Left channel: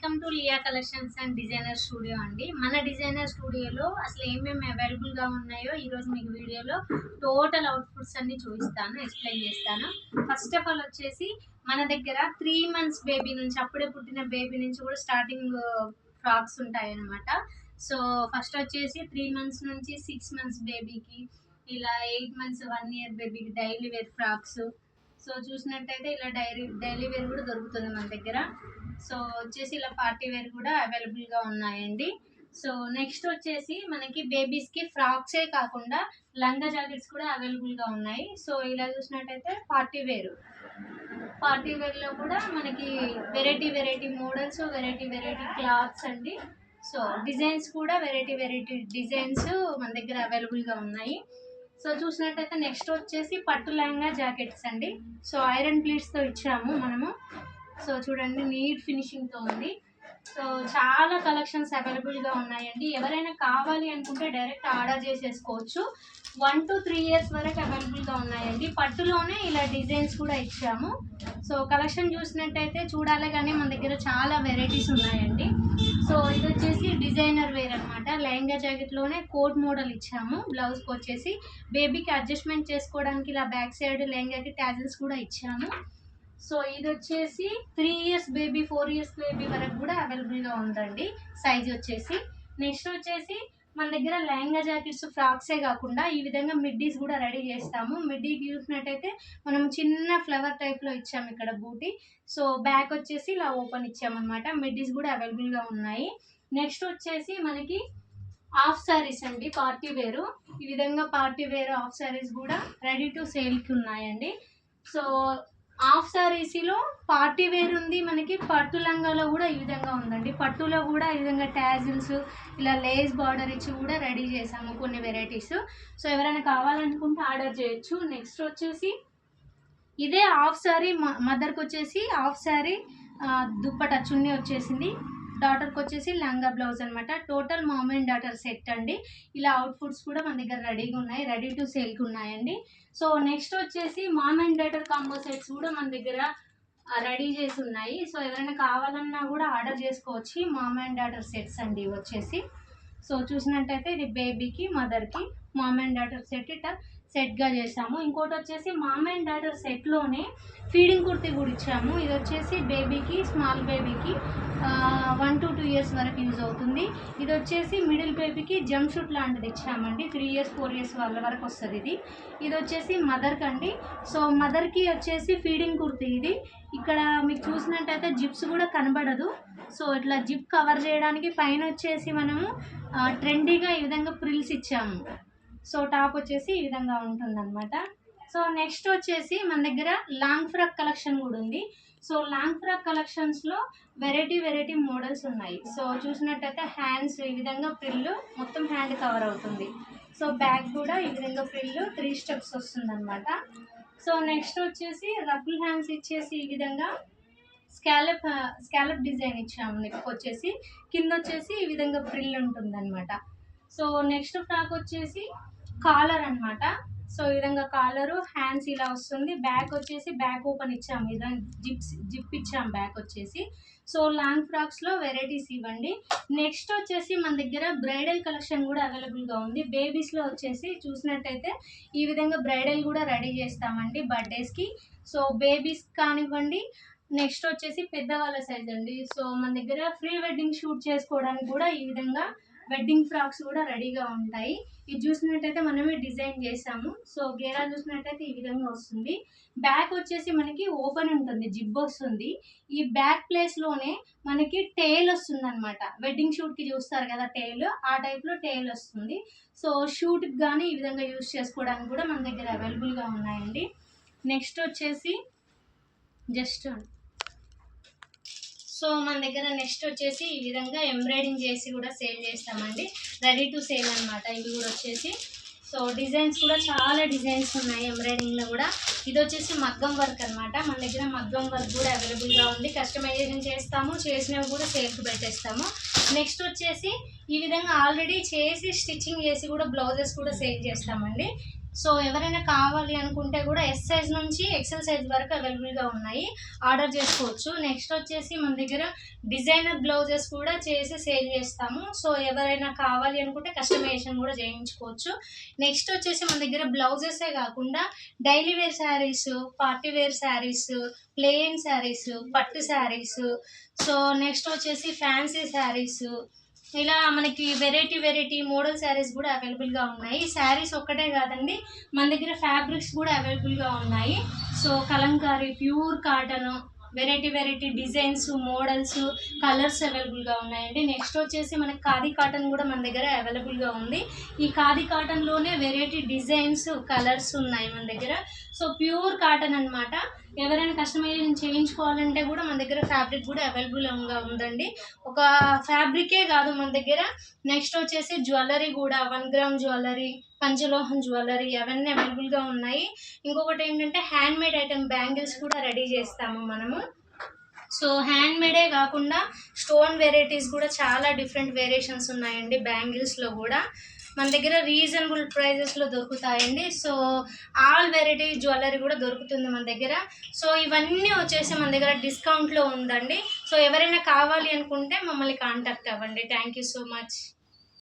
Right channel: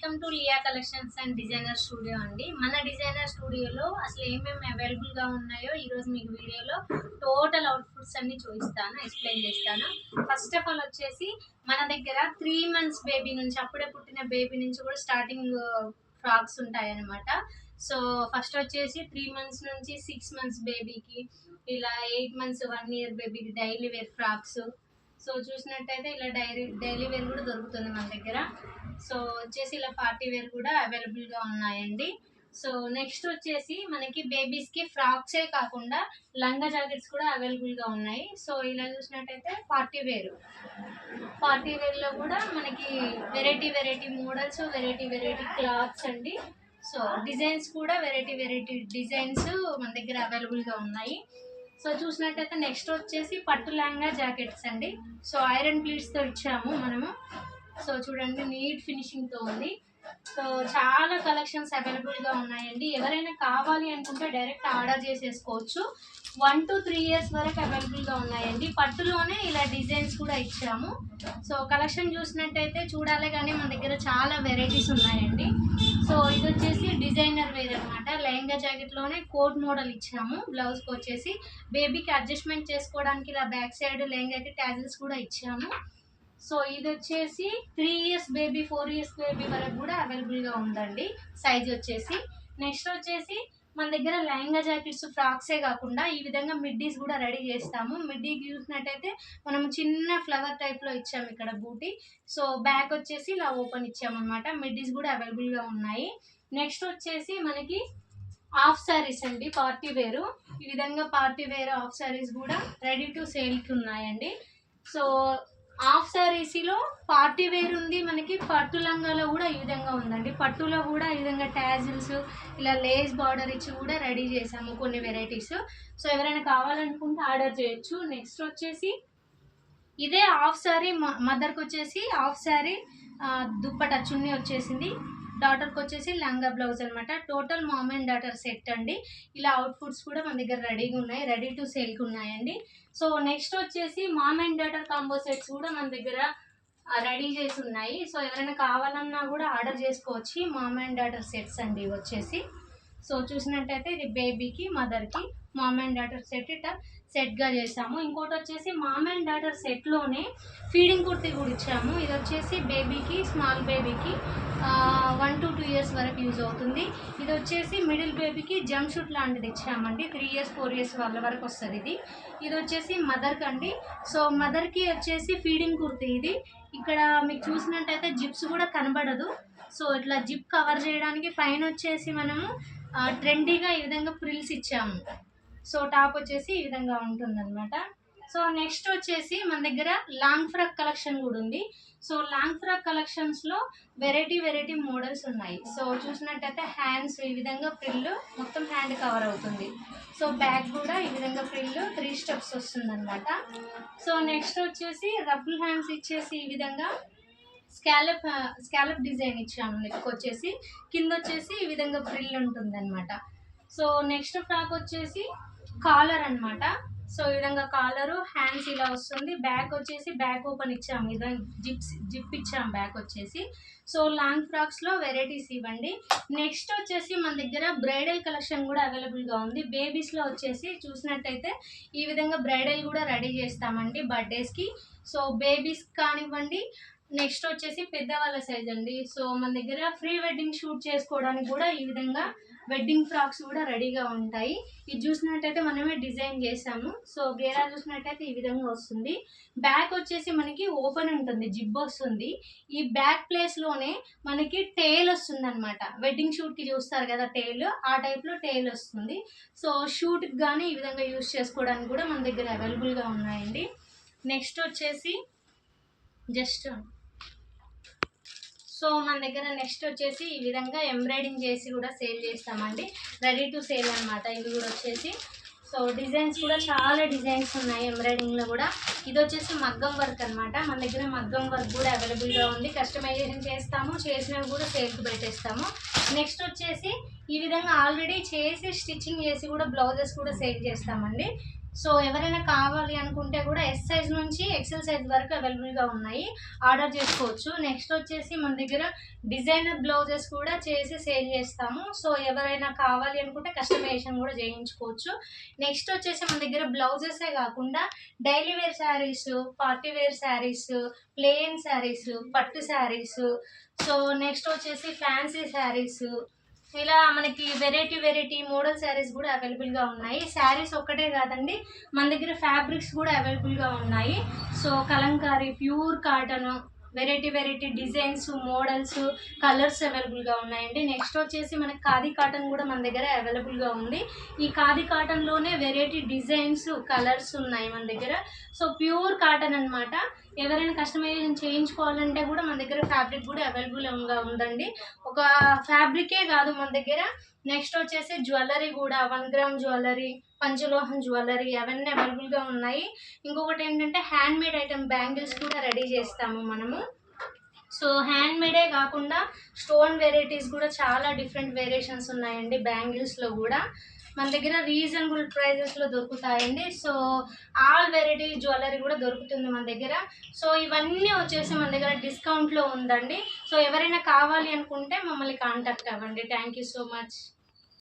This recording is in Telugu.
Welcome to Lia collections and designer studio అండి. మన డిజైనర్ స్టూడియోలో అసలు ఏమేమి అవైలబుల్గా ఉన్నాయో ఈరోజు మీకు వీడియోలో టోటల్ అవుట్ఫిట్స్ అన్ని చూపిస్తాను, ఎక్స్ప్లెయిన్ చేస్తాను. ఫస్ట్ ఆఫ్ ఆల్ వచ్చేసి మన దగ్గర 3 months బేబీ నుంచి, అప్పుడే పుట్టిన బేబీ నుంచి కూడా స్టార్టింగ్ ఫ్రాక్స్ ఉంటాయి అన్నమాట. సో ఫస్ట్ వచ్చేసి 3 months నుంచి 6 months బేబీకి, ఇలా 8 months 1 year బేబీకి డైలీ వేర్ ఫ్రాక్స్. సో చూసినట్టయితే ఇలా డైలీ వేర్ కూడా దొరుకుతుంది మన దగ్గర. సో వచ్చేసి ఇలా పార్టీ వేర్ కూడా అవైలబుల్గా ఉన్నాయండి. సో నెక్స్ట్ వచ్చేసి మనకి బేబీస్కి ఫ్రాక్సే కాకుండా లంగా జాకెట్స్ కూడా అవైలబుల్గా ఉన్నాయి. సో ఇలా చూసినట్టయితే పార్టీ వేర్లో కూడా మనకి వెరైటీ మోడల్స్, వెరైటీ క్లాత్స్ అండి. సో డిజైన్స్ కూడా వెరైటీ డిజైన్స్ మన దగ్గర అవైలబుల్గా ఉన్నాయి. సో చూసినట్టయితే నెక్స్ట్ వచ్చేసి పట్టు లంగా జాకెట్స్ అండి. సో ఐరన్ ప్లీట్స్తో ఇచ్చాము మనము. సో చూడండి, నీట్ ఫినిషింగ్తో ఉంది. సో చాలా కలెక్షన్స్ అవైలబుల్గా ఉన్నాయండి. ఎవరైనా కావాలి అనుకుంటే డైరెక్ట్ ఆర్డర్ చేసేసుకోవచ్చు. 1 to 3 years వరకు అవైలబుల్గా ఉన్నాయండి. పట్టులోనే ఇలా డిజైన్స్ కూడా ఇచ్చాము. సో కలెక్షన్ చూసినట్టయితే చూడాలి, కానీ మన దగ్గర చాలా వెరైటీస్ ఉన్నాయండి. సో ఇది వచ్చేసి డిజైనర్ వేర్ అనమాట. లెహంగా జాకెట్లోనే కోట్ మోడల్ ఇచ్చాము. బ్లౌజ్కి వచ్చేసి బేబీకి అడ్జస్ట్మెంట్ చేసుకోవడానికి ఇలా బ్యాక్ సైడ్ లెహంగాకి ట్యాజిల్స్ కూడా ఇచ్చాము. సో ఇది వచ్చేసి 3 years బేబీ, 4 years బేబీ వరకు కూడా అవైలబుల్గా ఉందండి సైజ్ వచ్చేసి. నెక్స్ట్ వచ్చేసి మన దగ్గర లెహంగా జాకెట్స్, ఫ్రాక్సే కాకుండా ఈ విధంగా మిడ్డీస్ కూడా రెడీ చేస్తాము. మిడ్డీకి చూసినట్టయితే మనం చిన్న ఫ్లవర్ టైప్లో ఇచ్చాము ఇక్కడ బూటీ. సో బ్యాక్ వచ్చేసి ఇలా ఓపెన్ ఇచ్చామన్నమాట. మిడ్డీస్ కూడా అవైలబుల్గా ఉన్నాయి. నెక్స్ట్ వచ్చేసి మనకి హాఫ్ శారీస్ అండి, పార్టీ వేరు. ఈ విధంగా పార్టీ వేర్ హాఫ్ శారీస్ కూడా రెడీ టు సేల్కి ఉన్నాయండి. సో హాఫ్ శారీస్లో పార్టీ వేర్ ఉంది మనకి. పట్టు లంగాలో కూడా ఈ విధంగా ఉందండి. పట్టులో కూడా ఈ విధంగా ట్యాజిల్స్, ఇలా లేస్ బార్డర్ ఇచ్చి కూడా రెడీ చేసాము కొన్ని వెరైటీస్. సో ఎవరైనా కావాలనుకుంటే ఆర్డర్ చేయొచ్చు. నెక్స్ట్ వచ్చేసి ఇదే హాఫ్ శారీ, మదర్కి వచ్చేసి హాఫ్ శారీ దుప్పట చున్నీ వచ్చేసింది. డాటర్కి వచ్చేసి లంగా బ్లౌజ్ అనమాట. Total ma'am and daughter set అండి. ఇలా అవుట్ఫుట్స్ కూడా మన దగ్గర రెడీగా ఉన్నాయి, రెడీ టు సేల్కి ఉన్నాయండి. సో నెక్స్ట్ వచ్చేసి mom and daughter combo sets కూడా మన దగ్గర రెడీ చేసి ఉన్నాయి. సో ఎవరైనా కావాలన్నా కూడా ఆర్డర్ చేసుకోవచ్చు. మామ్ అండ్ డాటర్ సెట్స్ అండి వచ్చేసి. సో చూసినట్టయితే ఇది బేబీకి, మదర్కి మామ్ అండ్ డాటర్ సెట్గా చేసాము. ఇంకోటి వచ్చేసి మామ్ అండ్ డాటర్ సెట్లోనే ఫీడింగ్ కుర్తీ కూడా ఇచ్చాము. ఇది వచ్చేసి బేబీకి, స్మాల్ బేబీకి 1 to 2 years వరకు యూజ్ అవుతుంది. ఇది వచ్చేసి మిడిల్ బేబీకి జంప్ షూట్ లాంటిది ఇచ్చామండి. 3 years 4 years వాళ్ళ వరకు వస్తుంది ఇది వచ్చేసి మదర్కి అండి. సో మదర్కి వచ్చేసి ఫీడింగ్ కుర్తీ ఇది. ఇక్కడ మీకు చూసినట్టయితే జిప్స్ కూడా కనబడదు. సో ఇట్లా జిప్ కవర్ చేయడానికి పైన వచ్చేసి మనము ట్రెండీగా ఈ విధంగా ఫ్రిల్స్ ఇచ్చాము. సో టాప్ వచ్చేసి ఈ విధంగా ఉంటుందన్నమాట. సో నెక్స్ట్ వచ్చేసి మన దగ్గర లాంగ్ ఫ్రాక్ కలెక్షన్ కూడా ఉంది. సో లాంగ్ ఫ్రాక్ కలెక్షన్స్లో వెరైటీ మోడల్స్ ఉన్నాయి. సో చూసినట్టయితే హ్యాండ్స్ ఈ విధంగా ఫ్రిల్ మొత్తం హ్యాండ్ కవర్ అవుతుంది. సో బ్యాక్ కూడా ఈ విధంగా ఫ్రిల్ 3 steps వస్తుందన్నమాట. సో నెక్స్ట్ వచ్చేసి రఫుల్ హ్యాండ్స్ ఇచ్చేసి ఈ విధంగా స్కాలప్ డిజైన్ ఇచ్చాము. నెక్ వచ్చేసి కింద వచ్చేసి ఈ విధంగా ఫ్రిల్ ఉంటుందన్నమాట. సో నెక్స్ట్ ఫ్రాక్ వచ్చేసి కాలర్ అనమాట. సో ఈ విధంగా కాలరు, హ్యాండ్స్ ఇలా వస్తుంది. బ్యాక్ వచ్చేసి బ్యాక్ ఓపెన్ ఇచ్చాము, ఈ విధంగా జిప్ ఇచ్చాము బ్యాక్ వచ్చేసి. సో లాంగ్ ఫ్రాక్స్లో వెరైటీస్ ఇవ్వండి. నెక్స్ట్ వచ్చేసి మన దగ్గర బ్రైడల్ కలెక్షన్ కూడా అవైలబుల్గా ఉంది. బేబీస్లో వచ్చేసి చూసినట్టయితే ఈ విధంగా బ్రైడల్ కూడా రెడీ చేస్తామండి బర్త్డేస్కి. సో బేబీస్ కానివ్వండి. నెక్స్ట్ వచ్చేసి పెద్దవాళ్ళ సైజ్ అండి. సో మన దగ్గర ప్రీ వెడ్డింగ్ షూట్ చేసుకోవడానికి కూడా ఈ విధంగా వెడ్డింగ్ ఫ్రాక్స్ కూడా రెడీగా ఉంటాయి. ఇది చూసినట్టయితే మనమే డిజైన్ చేసాము. సో గేరా చూసినట్టయితే ఈ విధంగా వస్తుంది. బ్యాక్ వచ్చేసి మనకి ఓపెన్ ఉంటుంది, జిబ్ వస్తుంది. ఈ బ్యాక్ ప్లేస్లోనే మనకి టెయిల్ వస్తుంది అనమాట. వెడ్డింగ్ షూట్కి చూస్తారు కదా టెయిల్, ఆ టైప్లో టెయిల్ వస్తుంది. సో షూట్కి కానీ ఈ విధంగా యూస్ చేసుకోవడానికి కూడా మన దగ్గర అవైలబుల్గా ఉన్నాయండి. నెక్స్ట్ వచ్చేసి సో మన దగ్గర నెక్స్ట్ వచ్చేసి ఈ విధంగా ఎంబ్రాయిడింగ్ చేసి కూడా సేల్ చేస్తామండి. రెడీ టు సేల్ అనమాట ఇవి కూడా వచ్చేసి. సో డిజైన్స్ కూడా చాలా డిజైన్స్ ఉన్నాయి ఎంబ్రాయిడింగ్లో కూడా. ఇది వచ్చేసి మగ్గం వర్క్ అనమాట. మన దగ్గర మగ్గం వర్క్ కూడా అవైలబుల్గా ఉంది. కస్టమైజేషన్ చేస్తాము, చేసినవి కూడా సేల్కి పెట్టేస్తాము. నెక్స్ట్ వచ్చేసి ఈ విధంగా ఆల్రెడీ చేసి స్టిచ్చింగ్ చేసి కూడా బ్లౌజెస్ కూడా సేల్ చేస్తామండి. సో ఎవరైనా కావాలి అనుకుంటే కూడా ఎస్ సైజ్ నుంచి ఎక్సెల్ సైజ్ వరకు అవైలబుల్గా ఉన్నాయి, ఆర్డర్ చేసుకోవచ్చు. నెక్స్ట్ వచ్చేసి మన దగ్గర డిజైనర్ బ్లౌజెస్ కూడా చేసి సేల్ చేస్తాము. సో ఎవరైనా కావాలి అనుకుంటే కస్టమైజేషన్ కూడా చేయించుకోవచ్చు. నెక్స్ట్ వచ్చేసి మన దగ్గర బ్లౌజెసే కాకుండా daily wear sarees, party wear sarees, plain sarees, పట్టు శారీస్, సో నెక్స్ట్ వచ్చేసి ఫ్యాన్సీ శారీస్, ఇలా మనకి వెరైటీ మోడల్ శారీస్ కూడా అవైలబుల్గా ఉన్నాయి. శారీస్ ఒక్కటే కాదండి, మన దగ్గర ఫ్యాబ్రిక్స్ కూడా అవైలబుల్గా ఉన్నాయి. So Kalamkari, pure cotton, variety designs, models, colours అవైలబుల్గా ఉన్నాయండి. నెక్స్ట్ వచ్చేసి మనకి ఖాదీ కాటన్ కూడా మన దగ్గర అవైలబుల్గా ఉంది. ఈ ఖాదీ కాటన్లోనే వెరైటీ డిజైన్స్, కలర్స్ ఉన్నాయి మన దగ్గర. సో ప్యూర్ కాటన్ అనమాట. ఎవరైనా కస్టమైజేషన్ చేయించుకోవాలంటే కూడా మన దగ్గర ఫ్యాబ్రిక్ కూడా అవైలబుల్గా ఉందండి. ఒక ఫ్యాబ్రికే కాదు మన దగ్గర, నెక్స్ట్ వచ్చేసి జ్యువెలరీ కూడా 1 గ్రామ్ జ్యువెలరీ, పంచలోహం జ్యువెలరీ అవన్నీ అవైలబుల్గా ఉన్నాయి. ఇంకొకటి ఏంటంటే హ్యాండ్మేడ్ ఐటమ్ బ్యాంగిల్స్ కూడా రెడీ చేస్తాము మనము. సో హ్యాండ్మేడే కాకుండా స్టోన్ వెరైటీస్ కూడా చాలా డిఫరెంట్ వేరియేషన్స్ ఉన్నాయండి. బ్యాంగిల్స్లో కూడా మన దగ్గర రీజనబుల్ ప్రైజెస్లో దొరుకుతాయండి. సో ఆల్ వెరైటీ జ్యువెలరీ కూడా దొరుకుతుంది మన దగ్గర. సో ఇవన్నీ వచ్చేసి మన దగ్గర డిస్కౌంట్లో ఉందండి. సో ఎవరైనా కావాలి అనుకుంటే మమ్మల్ని కాంటాక్ట్ అవ్వండి. Thank you so much.